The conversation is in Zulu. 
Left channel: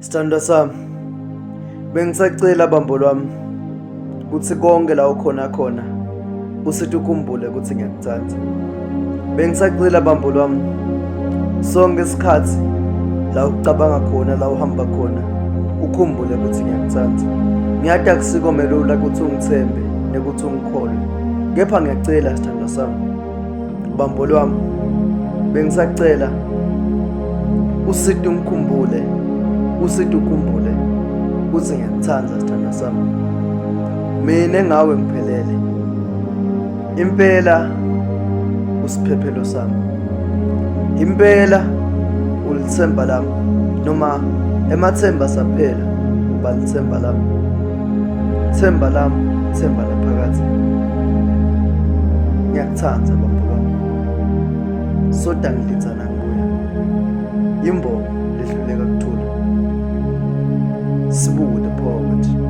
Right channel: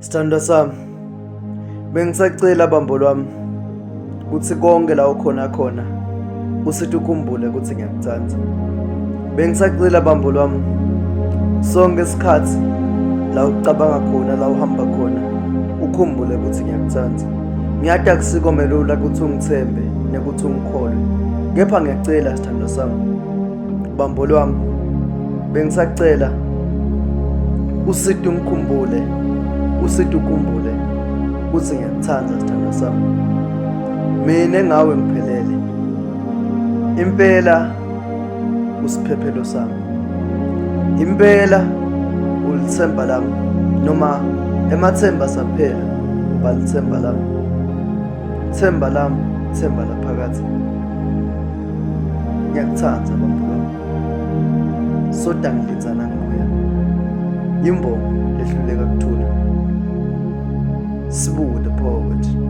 Sithandwa sami, bengisacela bambo lwami ukuthi konke la ukhona khona usithi ukhumbule ukuthi ngiyakuthanda. Bengisacela bambo lwami sonke isikhathi la ucabanga khona, la uhamba khona, ukhumbule ukuthi ngiyakuthanda. Ngiyathi akusikomela ukuthi ungithembe nekuthi ungikholwe, kepha ngiyacela sithandwa sami, bambo lwami, bengisacela usithi ungikhumbule, usithi ukhumbule ukuthi ngiyakuthanda sithandwa sami. Mina engawe ngiphelele, impela usiphephelo sami, impela ulithemba lami, noma emathemba saphela uba lithemba lami, themba lami, themba laphakathi. Ngiyakuthanda bambo lwami, soda ngilinzana ngibuya, yimbongo lehluleka kuthula. Sibu the poet.